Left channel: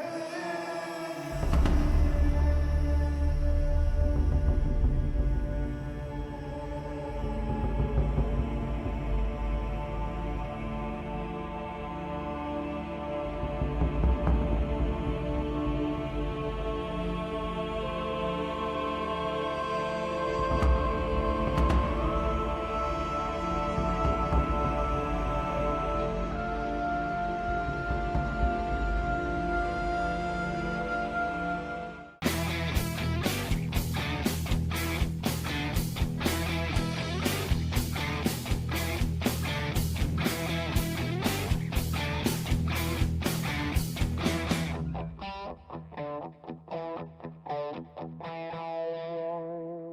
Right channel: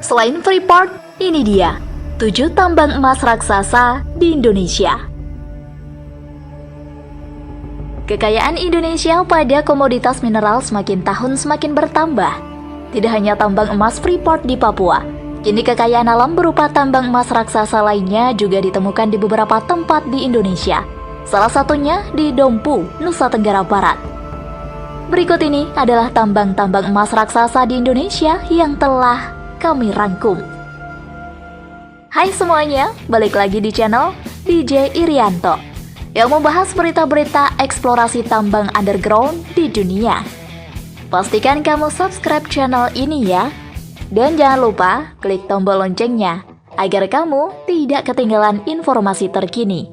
Selain Freeport, ini dia 7 tambang emas raksasa di Indonesia. Kekayaan Indonesia pada komoditas mineral semakin tahun semakin bertambah. Tidak hanya tambang emas Freeport di Papua, kini kekayaan alam berupa tambang emas raksasa lainnya juga ditemukan di beberapa tempat di Indonesia. Salah satunya di Dompu, Nusa Tenggara Barat. Berikut ini adalah tambang-tambang emas raksasa di Indonesia yang telah kami rangkum. Hai semuanya, balik lagi di channel DJ Irianto yang membahas berita-berita eksplorasi tambang underground di dunia. Pastikan kamu subscribe channel ini ya. Dan jangan lupa klik tombol loncengnya agar kamu tidak ketinggalan informasi terkini.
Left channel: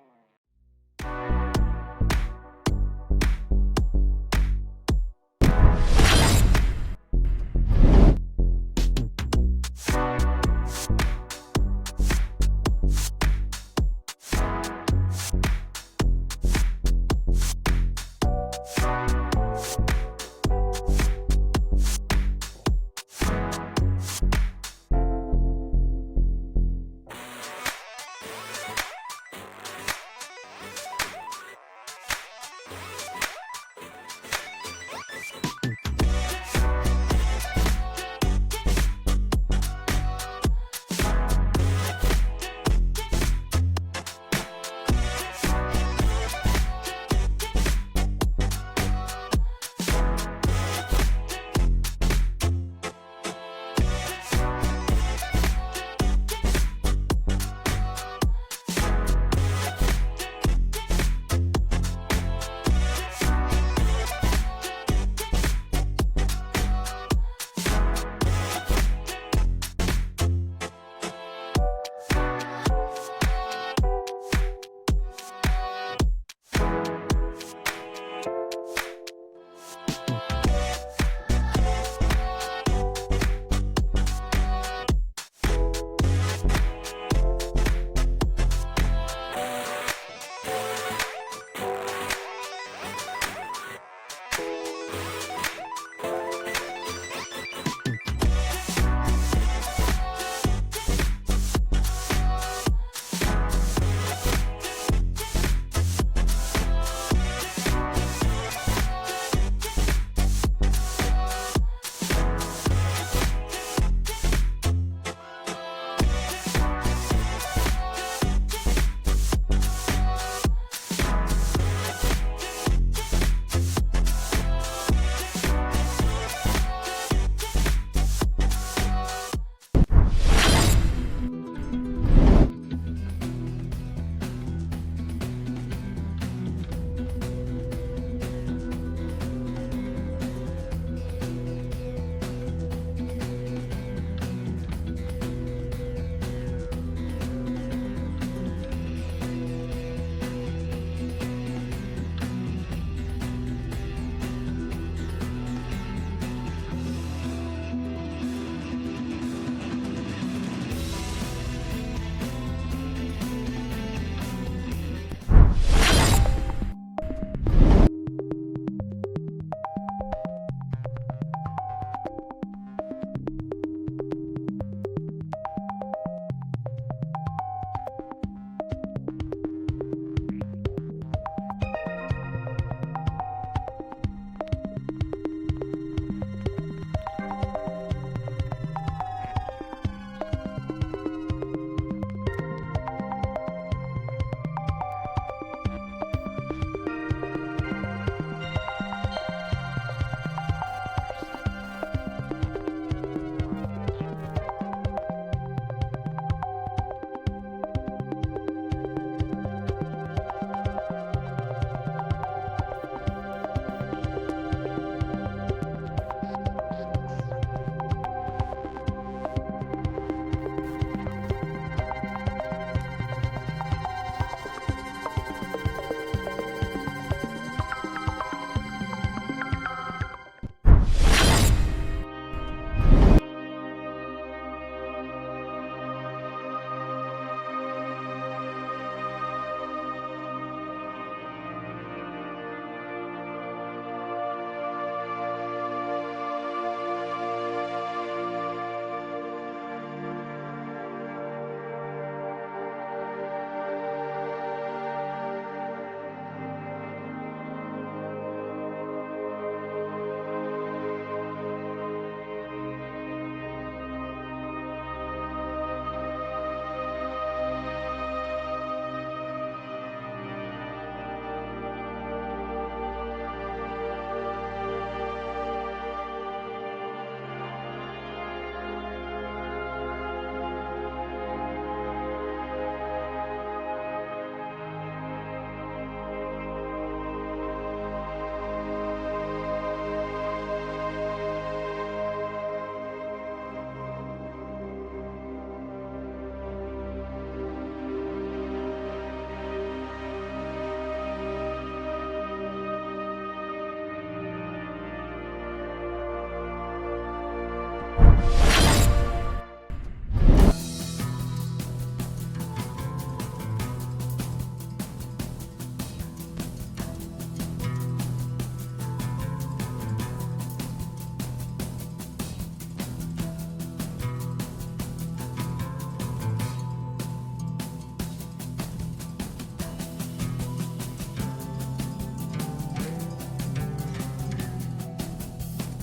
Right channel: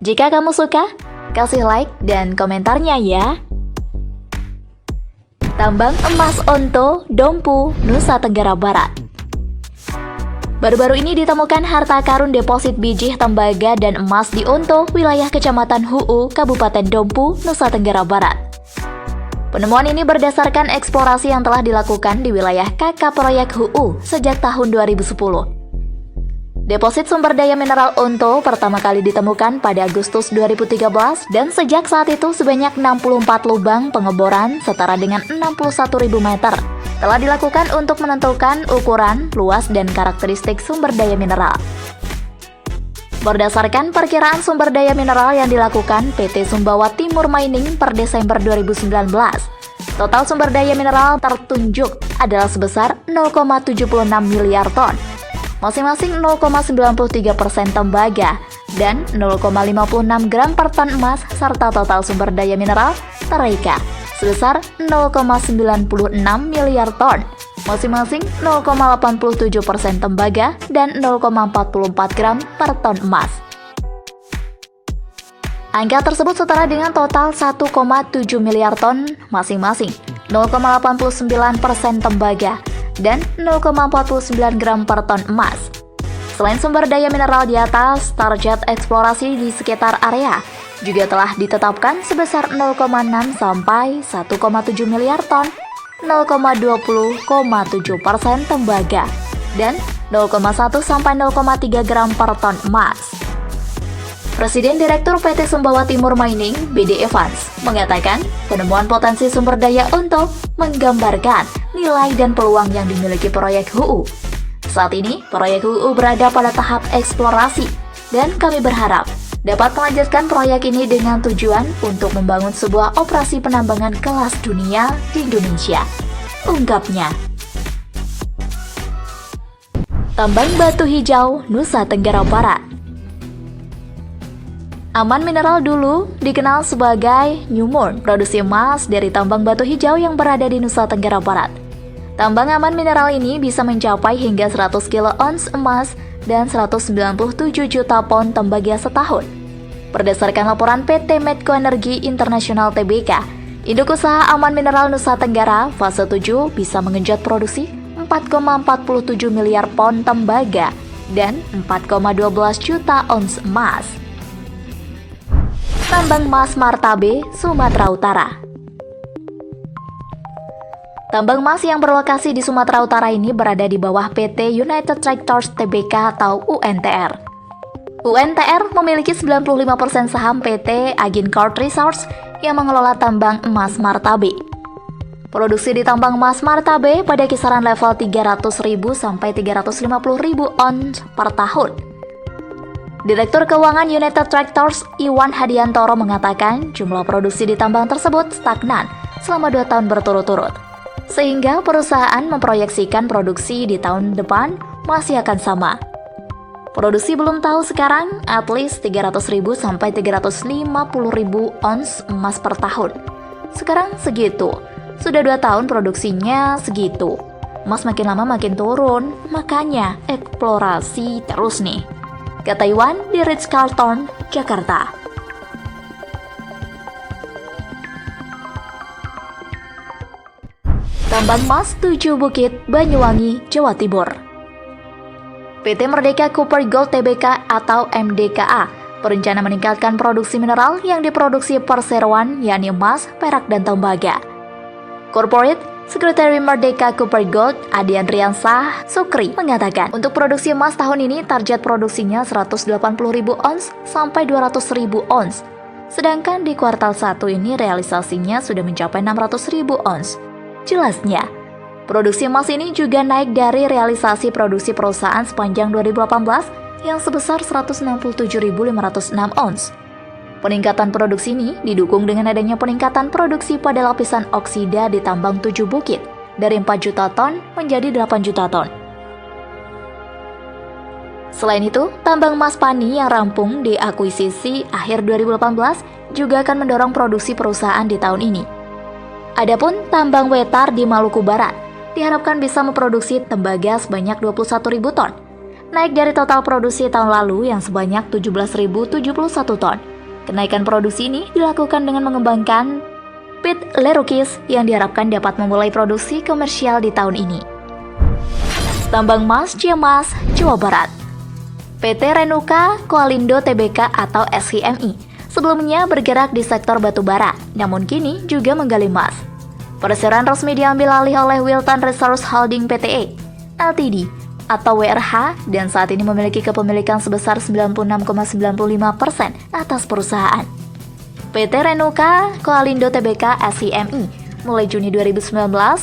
Jika kamu suka, kasih like dan komentarnya ya. Tambang emas Onto, Dompu, Nusa Tenggara Barat. Baru-baru ini ditemukan harta karun deposit biji tembaga dan emas di Onto, wilayah Kecamatan Hu'u, Kabupaten Dompu, Nusa Tenggara Barat. Penemuan ini berdasarkan eksplorasi yang telah dilakukan di wilayah KK Proyek Hu'u sejak tahun 2010. Deposit sumber daya mineral Onto pertama kali ditemukan pada Agustus 2013 dan sejak saat itu sebanyak 64 lubang pengeboran setara dengan 61.000 meter telah dilakukan untuk menentukan ukuran, luas, dan karakteristik sumber daya mineral. Berdasarkan perkiraan sumber daya mineral yang dilakukan PT Sumbawa Timur Mining per Desember 2019, total sumber daya mineral tertunjuk adalah sebesar 0,76 miliar ton. Masing-masing 0,93% tembaga dan 0,56 gram per ton emas serta total sumber daya mineral tereka sebesar 0,96 miliar ton, masing-masing 0,87% tembaga dan 0,44 gram per ton emas. Angka tersebut setara dengan total 1,7 miliar ton masing-masing 0,89% tembaga dan 0,49 gram per ton emas. Selain sumber daya mineral di atas, target eksplorasi di sekitar area juga telah ditetapkan sebesar 0,6 sampai 1,7 miliar ton, 0,20,7% tembaga, dan 0,1 sampai 0,3 gram per ton emas. Presiden Direktur PT Sumbawa Timur Mining, BD Evans, mengatakan penemuan potensi sumber daya Onto menggambarkan nilai dan peluang yang dimiliki proyek HU'U. Saat ini, proyek HU'U berada pada tahap eksplorasi, dan kami berharap dapat melanjutkan proyek ini dengan tujuan untuk membangun sebuah operasi penambangan kelas dunia di Indonesia, ungkapnya. Tambang Batu Hijau, Nusa Tenggara Barat. Aman Mineral dulu dikenal sebagai Newmont, produksi emas dari tambang batu hijau yang berada di Nusa Tenggara Barat. Tambang Aman Mineral ini bisa mencapai hingga 100 kilo ons emas dan 197 juta pon tembaga setahun. Berdasarkan laporan PT Medco Energi Internasional Tbk, induk usaha Aman Mineral Nusa Tenggara fase 7 bisa mengenjot produksi 4,47 miliar pon tembaga dan 4,12 juta ons emas. Tambang emas Martabe, Sumatera Utara. Tambang emas yang berlokasi di Sumatera Utara ini berada di bawah PT United Tractors Tbk atau UNTR. UNTR memiliki 95% saham PT Agincourt Resources yang mengelola tambang emas Martabe. Produksi di tambang emas Martabe pada kisaran level 300.000 sampai 350.000 ons per tahun. Direktur Keuangan United Tractors Iwan Hadiantoro mengatakan jumlah produksi di tambang tersebut stagnan selama 2 tahun berturut-turut, sehingga perusahaan memproyeksikan produksi di tahun depan masih akan sama. Produksi belum tahu sekarang at least 300.000 sampai 350.000 ons emas per tahun. Sekarang segitu, sudah 2 tahun produksinya segitu. Emas makin lama makin turun, makanya eksplorasi terus nih, kata Iwan di Ritz-Carlton, Jakarta. Tambang emas 7 Bukit, Banyuwangi, Jawa Timur. PT Merdeka Copper Gold Tbk atau MDKA berencana meningkatkan produksi mineral yang diproduksi perseroan, yakni emas, perak, dan tembaga. Corporate Sekretari Merdeka Copper Gold, Adi Andriansah Sukri, mengatakan untuk produksi emas tahun ini target produksinya 180.000 ons sampai 200.000 ons. Sedangkan di kuartal 1 ini realisasinya sudah mencapai 600.000 ons. Jelasnya, produksi emas ini juga naik dari realisasi produksi perusahaan sepanjang 2018 yang sebesar 167.506 ons. Peningkatan produksi ini didukung dengan adanya peningkatan produksi pada lapisan oksida di tambang 7 Bukit dari 4 juta ton menjadi 8 juta ton. Selain itu, tambang emas Pani yang rampung diakuisisi akhir 2018 juga akan mendorong produksi perusahaan di tahun ini. Adapun tambang Wetar di Maluku Barat diharapkan bisa memproduksi tembaga sebanyak 21.000 ton, naik dari total produksi tahun lalu yang sebanyak 17.071 ton. Kenaikan produksi ini dilakukan dengan mengembangkan pit Lerukis yang diharapkan dapat memulai produksi komersial di tahun ini. Tambang emas Ciamas, Jawa Barat. PT Renuka Koalindo Tbk atau SCMI sebelumnya bergerak di sektor batubara, namun kini juga menggali emas. Perseroan resmi diambil alih oleh Wilton Resource Holding Pte. Ltd. atau WRH dan saat ini memiliki kepemilikan sebesar 96,95% atas perusahaan. PT Renuka Koalindo Tbk SCMI mulai Juni 2019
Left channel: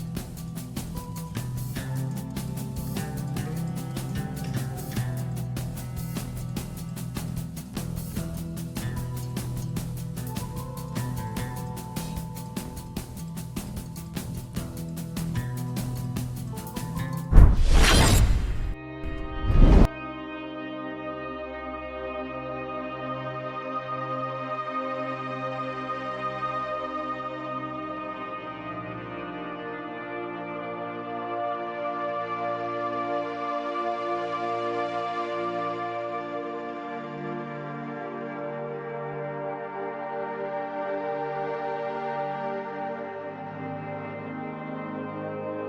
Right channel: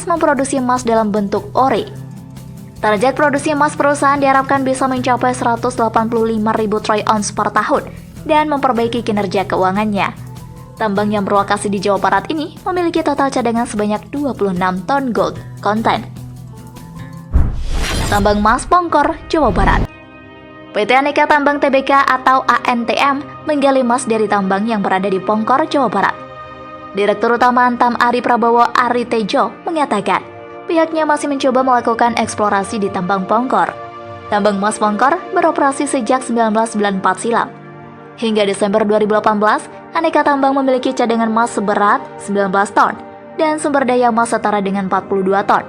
memproduksi emas dalam bentuk ore. Target produksi emas perusahaan diharapkan bisa mencapai 185.000 troy ounce per tahun dan memperbaiki kinerja keuangannya. Tambang yang berlokasi di Jawa Barat ini memiliki total cadangan sebanyak 26 ton gold content. Tambang emas Pongkor, Jawa Barat. PT Aneka Tambang Tbk atau ANTM menggali emas dari tambang yang berada di Pongkor, Jawa Barat. Direktur Utama Antam Ari Prabowo Ari Tejo mengatakan, pihaknya masih mencoba melakukan eksplorasi di tambang Pongkor. Tambang emas Pongkor beroperasi sejak 1994 silam. Hingga Desember 2018, Aneka Tambang memiliki cadangan emas seberat 19 ton dan sumber daya emas setara dengan 42 ton.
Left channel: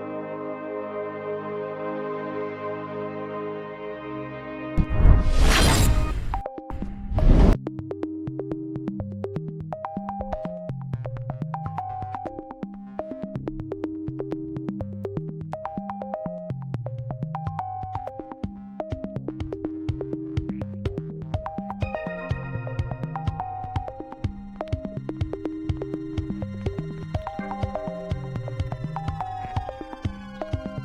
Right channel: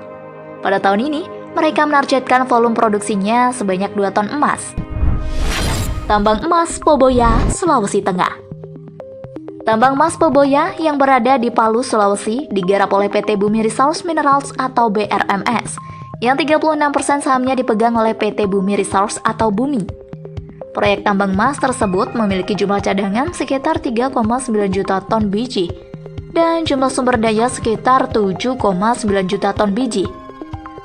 Pada tahun ini, mereka menargetkan volume produksinya sebanyak 2 ton emas. Tambang emas Poboya, Sulawesi Tengah. Tambang emas Poboya yang berada di Palu, Sulawesi digarap oleh PT Bumi Resource Minerals atau BRMS, yang 36% sahamnya dipegang oleh PT Bumi Resource atau Bumi. Proyek tambang emas tersebut memiliki jumlah cadangan sekitar 3,9 juta ton biji dan jumlah sumber daya sekitar 7,9 juta ton biji,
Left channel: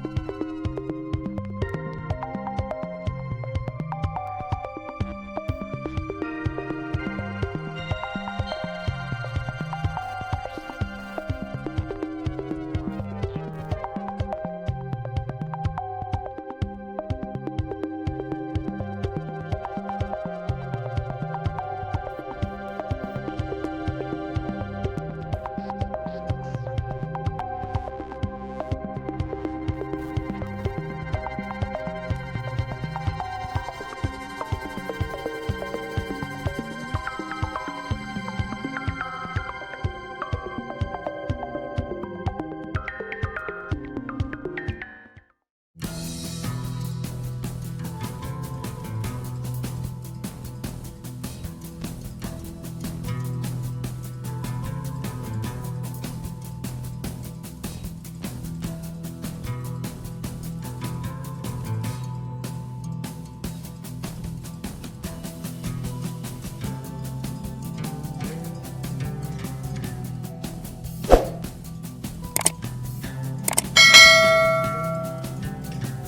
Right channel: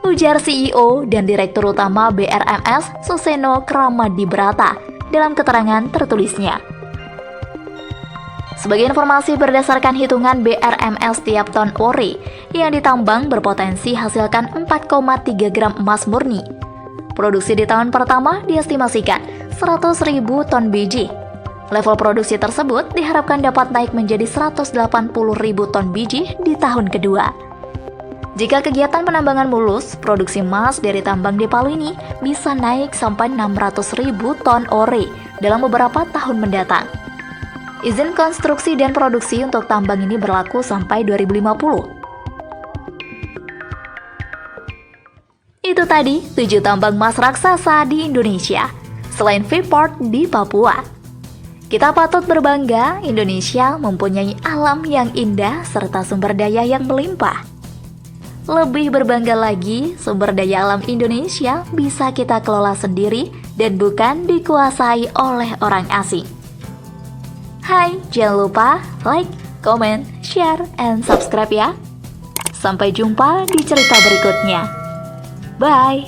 ujar CEO dan Direktur Utama BRMS Suseno Kramadibrata dalam keterangan tertulisnya. Sebagai informasi, berdasarkan hitungan BRMS, tiap ton ore yang ditambang berpotensi hasilkan 4,3 gram emas murni. Produksi di tahun pertama diestimasikan 100.000 ton biji. Level produksi tersebut diharapkan dapat naik menjadi 180.000 ton biji di tahun kedua. Jika kegiatan penambangan mulus, produksi emas dari tambang di Palu ini bisa naik sampai 600.000 ton ore dalam beberapa tahun mendatang. Izin konstruksi dan produksi untuk tambang ini berlaku sampai 2050. Itu tadi 7 tambang emas raksasa di Indonesia, selain Freeport di Papua. Kita patut berbangga, Indonesia mempunyai alam yang indah serta sumber daya yang melimpah. Lebih berbangga lagi, sumber daya alam Indonesia bisa kita kelola sendiri dan bukan dikuasai oleh orang asing. Hai, jangan lupa like, comment, share, and subscribe ya. Sampai jumpa di cerita berikutnya. Bye!